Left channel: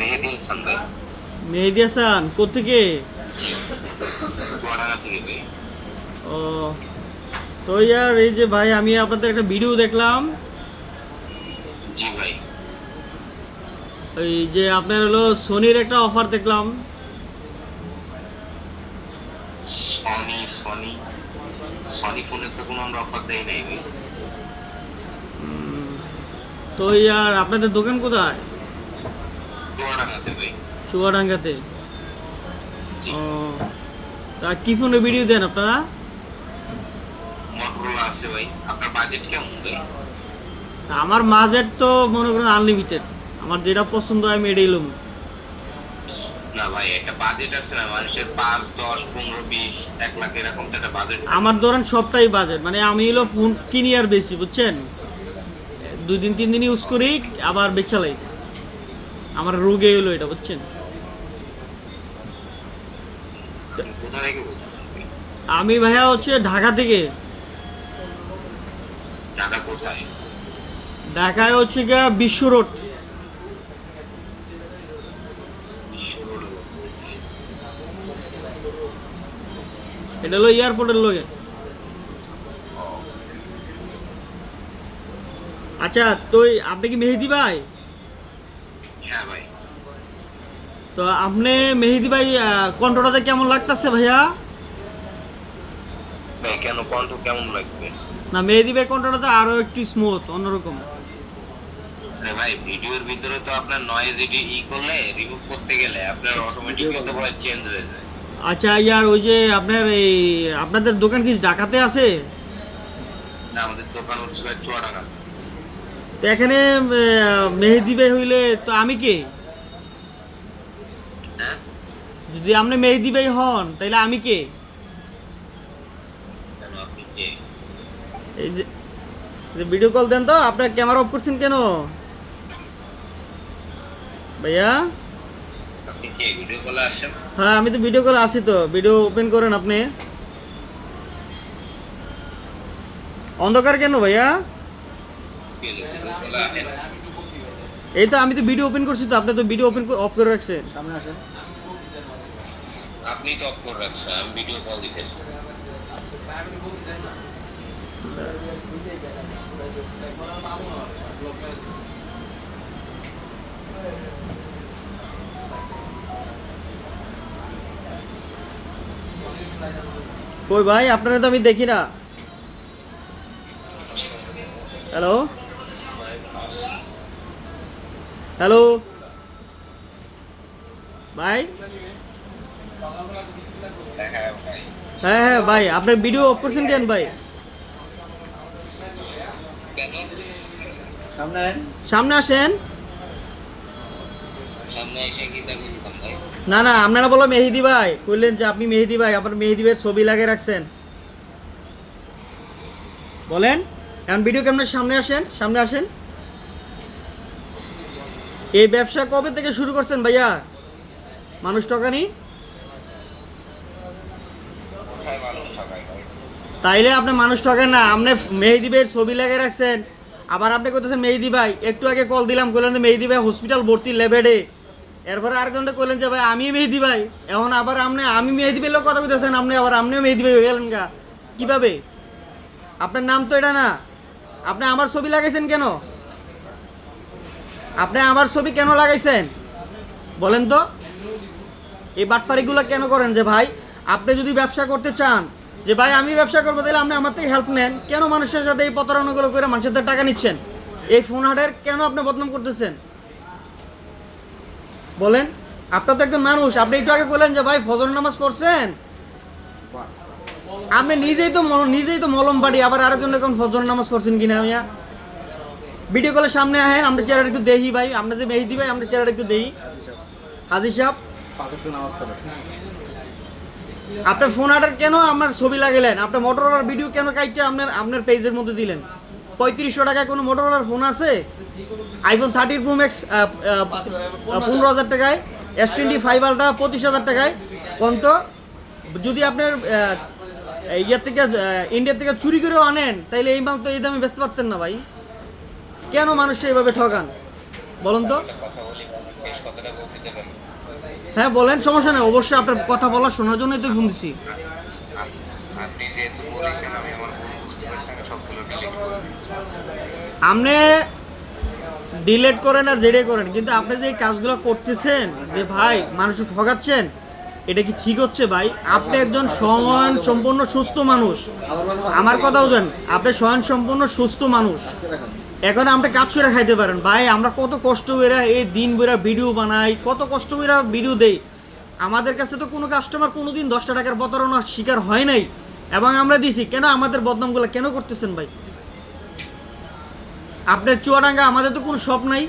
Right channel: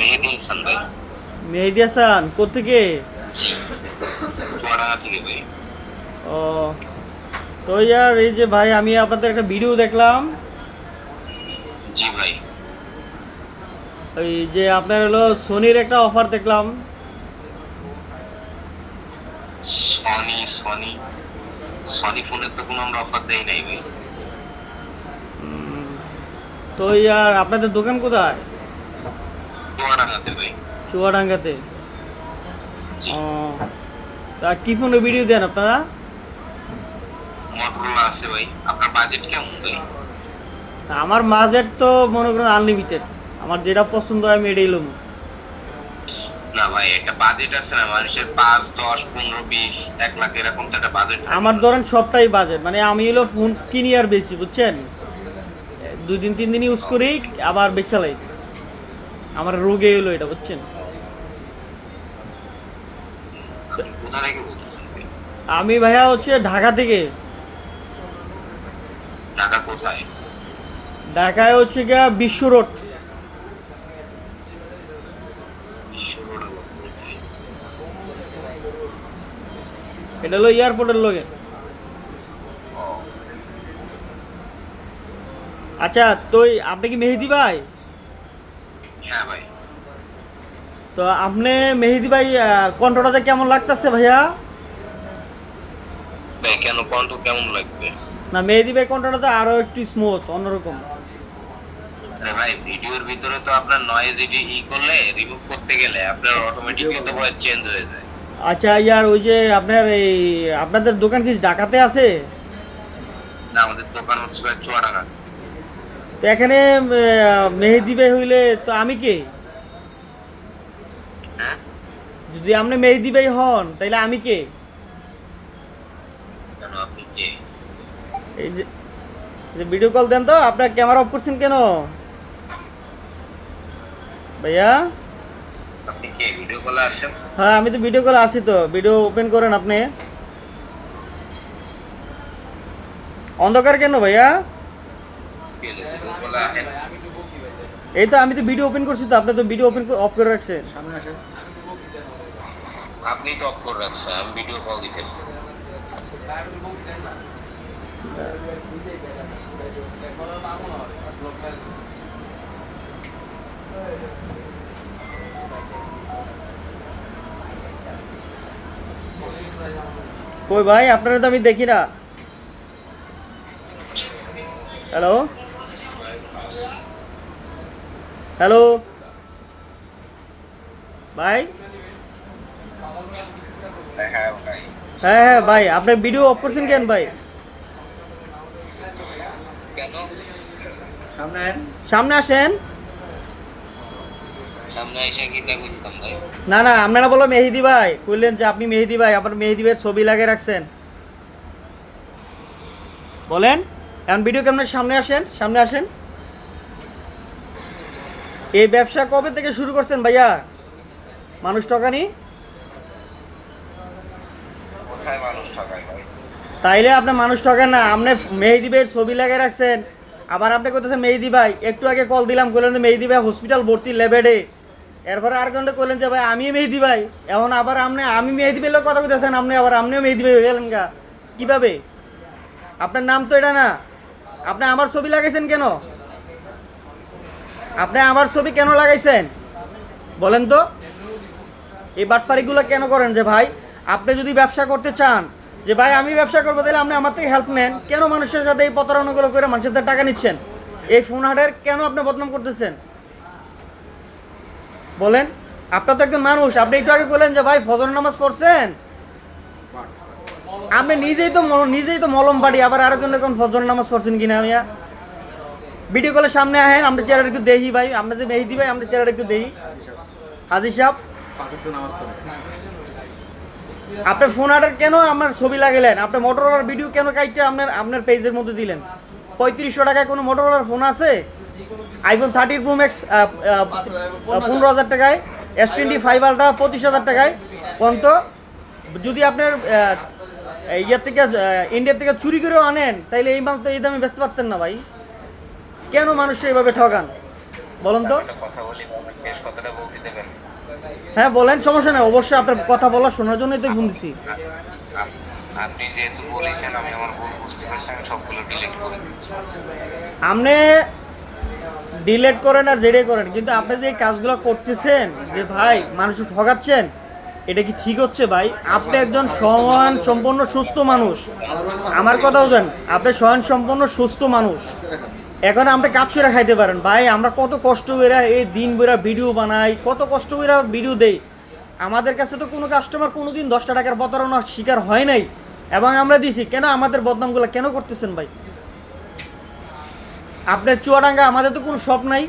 মেহেদি হাসান ভাই। মেহেদি হাসান কোথেকে ও তো ইয়ার এই যে ভাই আমি আপনাদের একটা ভিডিও দেখলাম। জি ভাই। ওই যে আপনার হলো সোনির একটা অফার দেখলাম। Sony Sony. সনি ফোনের তো কোনো আমরা অফার দেই নাই ভাই। তো ইয়ার আপনাদের দোকান কোথায়? চুয়াডাঙ্গাতে ও তা কি ফোনের ভিডিও দেন আপনারা? মটোরোলা আছে ভাই। আপনার বাজেট কেমন ভাই? আমার বাজেট তো মনে করেন আনলিমিটেড আমার যেটা পছন্দ হয় আমি এটাই লম না ভাই একটা বাজেট আছে না মানুষের পাঁচ দশ পনেরো বিশ এক লাখ এরকম তো একটা বাজেট আমার ধরেন সবটাই বাজেট মানে আমি হলো ফোন কিনি আর বেশি বুঝছেন? দুই দিন তিন দিন ইউজ করি আবার বেচালাই আমার রোগে এলো এটা বুঝছেন? আমি ভাইয়া হচ্ছে ঢাকা থেকে। ঢাকা কোথায়? ঢাকায় হচ্ছে গিয়া বিশ্ব রোড। এটা হলো এয়ারপোর্টের ও। আচ্ছা তো আপনি কি মেহেদি ভাই? তো আপনি মেহেদি ভাই কণ্ঠটাতে কেমন লাগতেছে ভাইয়া? ভাই কেন কণ্ঠ কেমন লাগবে? না মেহেদি ভাই কণ্ঠটা তো আরও একটু স্মুথ অন্যরকম। আরে ভাই ভিডিওর ভিতরে তো আপনার নয়েজ ই করলে রিমুভ করতে গেলে আপনার অটোমেটিক কিন্তু ভয়েস চেঞ্জ হয়ে যায়। আচ্ছা ইয়ার ওই যে আপনার এই আপনাদের দোকান কি ঢাকাতে আছে? না আমাদের দোকান হচ্ছে চুয়াডাঙ্গা। তো এখানে মেহেদি ভাই হইলে তো আমি কে? হ্যাঁ? যদি আপনি মেহেদি ভাই হন তাহলে আমি কে? এই যে ভিডিও কল দেন তো আপনার ক্যামেরা অফ করছেন কেন? ভাইয়া? হ্যাঁ আমি তো ভিডিও কলে আছি তো। ভিডিও ওপেন করেন আপনি। অন্ধকার কেন ভাইয়া কে ভিডিও কলে আসেন এই তো আমি তো ভিডিও ওপেন করছি তো আপনি তো ভিডিও ওপেন অফ করে রাখছেন আপনি তো অফ করে রাখছেন আমি ভিডিও কল দিতেছি। কই ভাই আপনারা তো আমি দেখি না। হ্যালো হ্যালো ভাই হ্যাঁ ভাই হ্যাঁ হ্যাঁ ভাই আপনার ভিডিও অফ করছেন কেন ভাই? সামনে আসেন। না না আপনারা বলো মেহেদি ভাই বললেন যে আপনি মেহেদি ভাই আপনার মেহেদি ভাইয়ের ছবি লাগিয়ে রাখছেন। বলেন এখন ভিডিও ক্যামেরার সামনে আসেন সামনে আসেন। এই ব্যবসা কবে থেকে শুরু করছেন ভাইয়া? মানুষ ভাই? তাইলে আপনি মানুষ ঠকেন না আপনি মেহেদি ভাইয়ের ছবি লাগিয়ে রাখছেন। আবার আপনি কোথাছেন মেহেদি ভাই একটু আগে কল দিলাম বললেন যে মেহেদি ভাই হসপিটাল ভর্তি লেবেডে এরপরে আরেকজনটা কইলেন যে ভাই আমি মেহেদি ভাই। এখন আবার আপনি আমি মেহেদি ভাইয়ের লোক কথা কইতেছেন আপনি আবার আপনিও মেহেদি ভাই হয়ে গেলেন গা। কীভাবে? আপনার নাম তো এটা না। আপনি আমার ছবি লাগাইছেন কেন? আপনি আমার ছবি কেন লাগাইছেন? বলেন তো। এই বাটপারিগুলো কেন করেন যে ভাই, আপনি যদি ব্যবসা করতে চান, যে ভাই, আমি ব্যবসা করব, তাহলে আপনি আমার থেকে হেল্প নেন। কেন মানুষের সাথে এই প্রতারণাগুলো করে মানুষের থেকে টাকা নিচ্ছেন? এই ফোন হাটের কেন আপনি বদনাম করতেছেন? বলেন। আপনার তো একজন মানুষ, আপনি একটু আগে বললেন যে ভাই ফজর নামাজ পড়ছেন? আপনি নিজেই তো নিজেই তো মলম বাড়ি, আবার আরেকজন এখন ফজর নামাজ পড়ছেন কিনা আমিয়া ভিডিও কলের সামনে আহেন, আমরা চেহারা একটু দেখি ভাই, আমরা যে মেহেদি ভাই, আমরা চেহারা একটু দেখি হাজির সাহেব। আপনার ফোন আর্ডার কেন আমার ছবি লাগালেন? আপনার মোটরোলার ভিডিও কেন কাইটটা আপনার আপনার পেজের মধ্যে দিলেন? পঁয়ত্রিশশো টাকায় কোনো মোটরোলার ফোন আছে? আইফোন থার্টি প্রো ম্যাক্স পনেরো হাজার টাকায় এস টোয়েন্টি ফাইভ আলটা পঁচিশ হাজার টাকায় কোন তো যদি আপনার ইয়ের থেকে ইন্ডিয়া থেকে চুরি করেও আনেন, তাইলে এই মাল তো এই দামে বেচতে পারতেন না ভাই। কেন মানুষ এইভাবে ঠকান বলুন তো। হ্যাঁ বলেন সমস্যা নেই অবশ্যই আপনার কথা বলা শোনার জন্যই তো ফোন দিচ্ছি আপনি যেহেতু বলেছেন আমি আমার ভুল বুঝতে পারছি আমি সবগুলো ডিলিট করে দিচ্ছি। আপনি ডিলেট করেন আর যেটাই করেন কিন্তু আপনি যে কাজগুলো করতেছেন যে ভাই মানুষকে ঠকাচ্ছেন এটা কি ঠিক হচ্ছে ভাই? আপনি একজন স্বয়ং সম্পূর্ণ সুস্থ মানুষ। আমার কথাও জান আপনি স্বয়ং সম্পূর্ণ সুস্থ মানুষ। এখন আমরা কাজ করে খাইতে পারেন। ভাই, আমরা কত কষ্ট করে এই দিন বেরা ভিডিও বানাই, কত কষ্ট করে ভিডিও দেই। আমাদের কাছে তো কোনো কাস্টমার কোনো দিন দশটা টাকার প্রতারণার শিকার হয় নাই। এবং আমরা দিছি, কেন আমাদের বদনামগুলো কেন করতেছেন ভাই? আপনার চুয়াডাঙ্গা, আমাদের তো কোনো শপ নাই।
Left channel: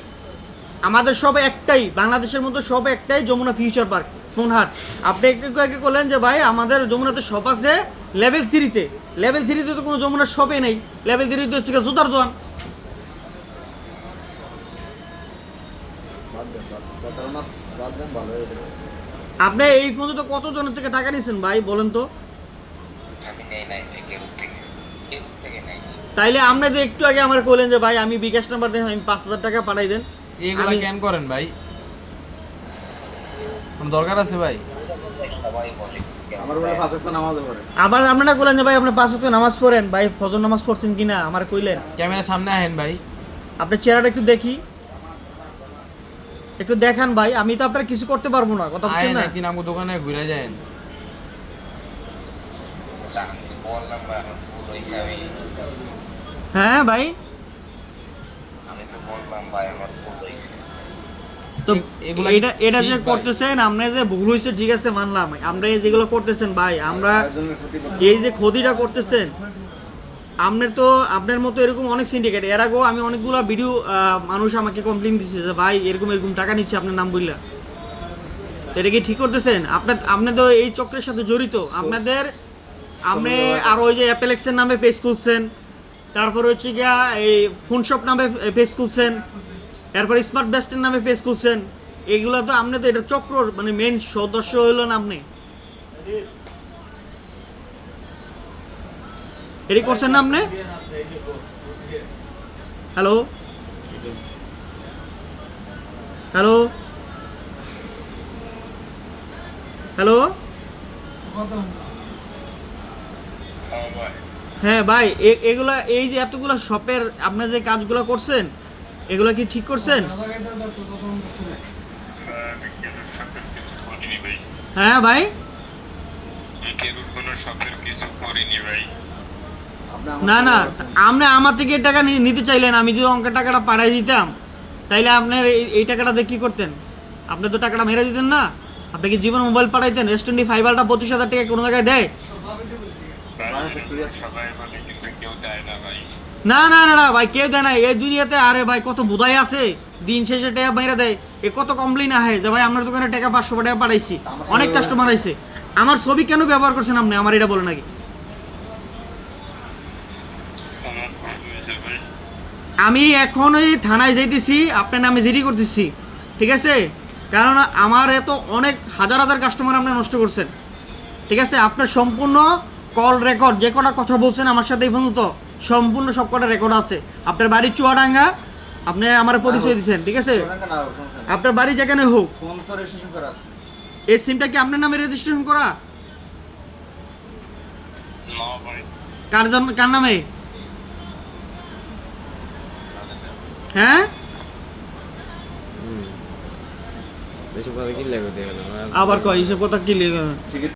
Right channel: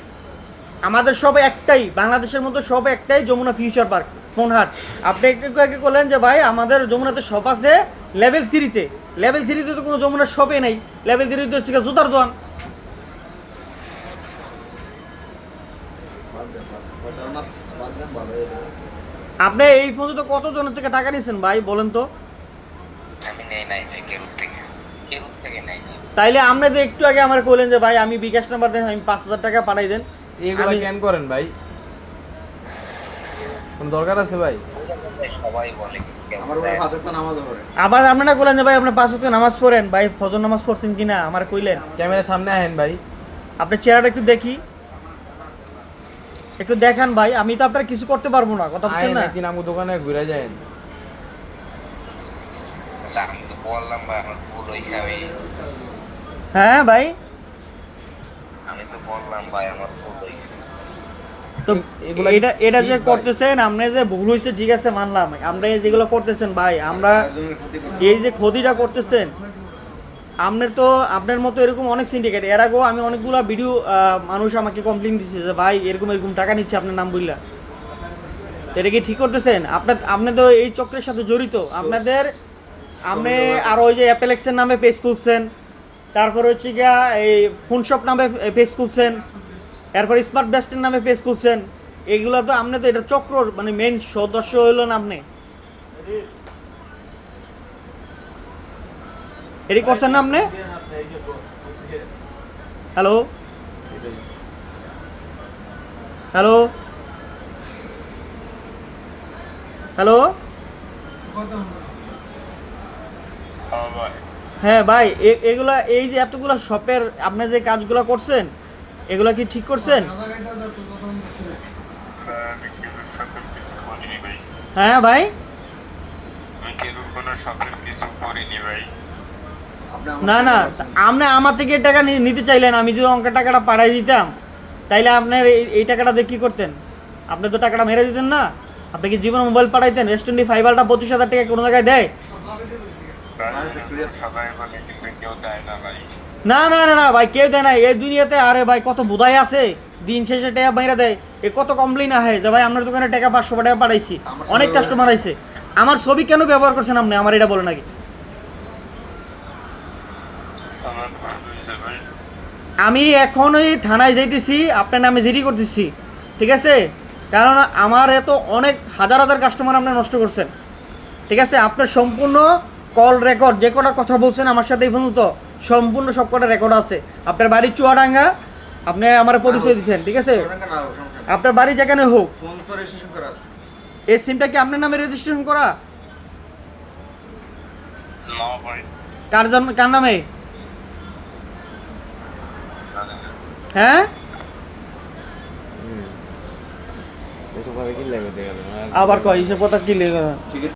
আমাদের সব একটাই, বাংলাদেশের মধ্যে সব একটাই যমুনা ফিউচার পার্ক ফোনহাট আপনি একটু আগে করলেন যে, ভাই, আমাদের যমুনাতে শপ আছে লেভেল থ্রিতে লেভেল থ্রিতে তো কোনো যমুনার শপে নেই। লেভেল থ্রিতে হচ্ছে জুতার দোকান বাদ দেন বাদ দেন প্রতারণা বাদ দেন ভালো হয়ে যাবে আপনি এই পর্যন্ত কতজনের থেকে টাকা নিয়েছেন ভাই বলেন তো? আমি নেই নাই নাই কেরুত থেকে কেরুত থেকে নেই তাইলে আপনি যে একটু আগে আমার বললেন যে ভাই আমি বিকাশ নাম্বার দেন আমি পাঁচ হাজার টাকা পাঠাই দেন। এগুলো আমি- কেন করেন ভাই? কোন দরকার আছে ভাই? আবার আপনারা বললেন যে ভাই আপনি পাঁচ হাজার নামাজ পড়েন। ভাই ফজর নামাজ পড়ছেন কিনা আমার কইলেন। ক্যামেরার সামনে আহেন ভাই। আপনার চেহারাটা একটু দেখি। একটু দেখান ভাই আমি তো আপনার কিছু করতে পারব না কথা বলছেন না? একদিন আমার দোকানে ঘুরে যায়েন আচ্ছা, আমার হ্যাঁ ভাই? আমি তো বললাম ভাই আমার ভুল হয়েছে তো এগুলা এটা এটা যে করতেছেন আপনি যে ভুল হয়েছে ঠিক আছে মানলাম। আমরা এই যেগুলো করতেছেন ভাই আমরা ক্ষতি করতে এই যে ক্ষতিটা করতেছেন আপনার তো, আপনার মতো এরকম অনেক সিন্ডিকেট এর আগেও আমি অনেকগুলো ভিডিও মানুষ আমাকে কমপ্লেন দিচ্ছে যে, ভাই, এরকম এরকম টাকা নিচ্ছে, আপনার নাম বললা এটা কি ঠিক করতেছেন? আপনার আপনি তো এই চক্রের সাথে জড়িত। আপনাদের, আপনি আর ওই যে অ্যাপেলেক্সের নামে পেজ খুলছেন, তারপর হচ্ছে গিয়া এই ফোনশপ নামে পেজ খুলছেন, এরপর স্মার্ট বেস্টের নামে পেজ খুলছেন, এগুলো তো আপনি তো এটা চক্র মানে মেন সদস্য হইলেন আপনি। এটি করছেন না। আপনি হ্যালো। হ্যালো। হ্যালো। হ্যাঁ ভাই এগুলা, এই যে এতগুলো শপের আপনি যে কাজগুলো করছেন, এগুলো কি ঠিক করছেন? হ্যাঁ ভাই। কিছু করিনি ভাই। না না আপনি আমার থেকে টাকা নিতে চাইলেন আমি যদি অঙ্কের টাকাটা পাঠাই দিতাম তাইলে আপনার এই টাকাটা দিয়ে কী করতেন? আপনি তো টাকাটা মেরে দিতেন না। আপনি কি জীবন মোবাইল পাঠাইতেন এস টোয়েন্টি ফাইভারটা পঁচিশ হাজার টাকা কোনো জায়গায় দেয়? না না না না ভাই কেউ দেয় না। এই দুনিয়াতে আরে ভাই কত বোধাই আছে। দিন শেষে টাকা বাইরে দেয়। এ কত কমপ্লেন আহে যে ভাই আমার দোকানে টাকা পাঁচশো টাকা পাঠাইছি। অনেক কাস্টমার আইছে। আমার ছবি কেন ব্যবহার করছেন আপনি? আমার এটা বলে নাকি আমার ভুল হয়েছে ভাই আমি এখন ওই থানায় যেতেছি আপনার নামে জিডি করতেছি ঠিক আছে? কারণ আমার এত অনেক হাজার হাজার কাস্টমার আপনি নষ্ট করছেন ঠিক আছে? আপনার সম্পূর্ণ কল রেকর্ড যে কটা কথা বলছেন আমার সাথে এই পর্যন্ত সম্পূর্ণ সব কটা রেকর্ড আছে। আপনার বাড়ির চুয়াডাঙ্গা আপনি আমার পরিচয় দিচ্ছেন ঠিক আছে। আপনার বাড়ি যেখানে হোক। ফোন তো রেজিস্ট্রেশন করা আছে। এই সিমটা কি আপনার নামে রেজিস্ট্রেশন করা? কার কার নামে? হ্যাঁ? আবার কয় হিসেব কথা কি লেগে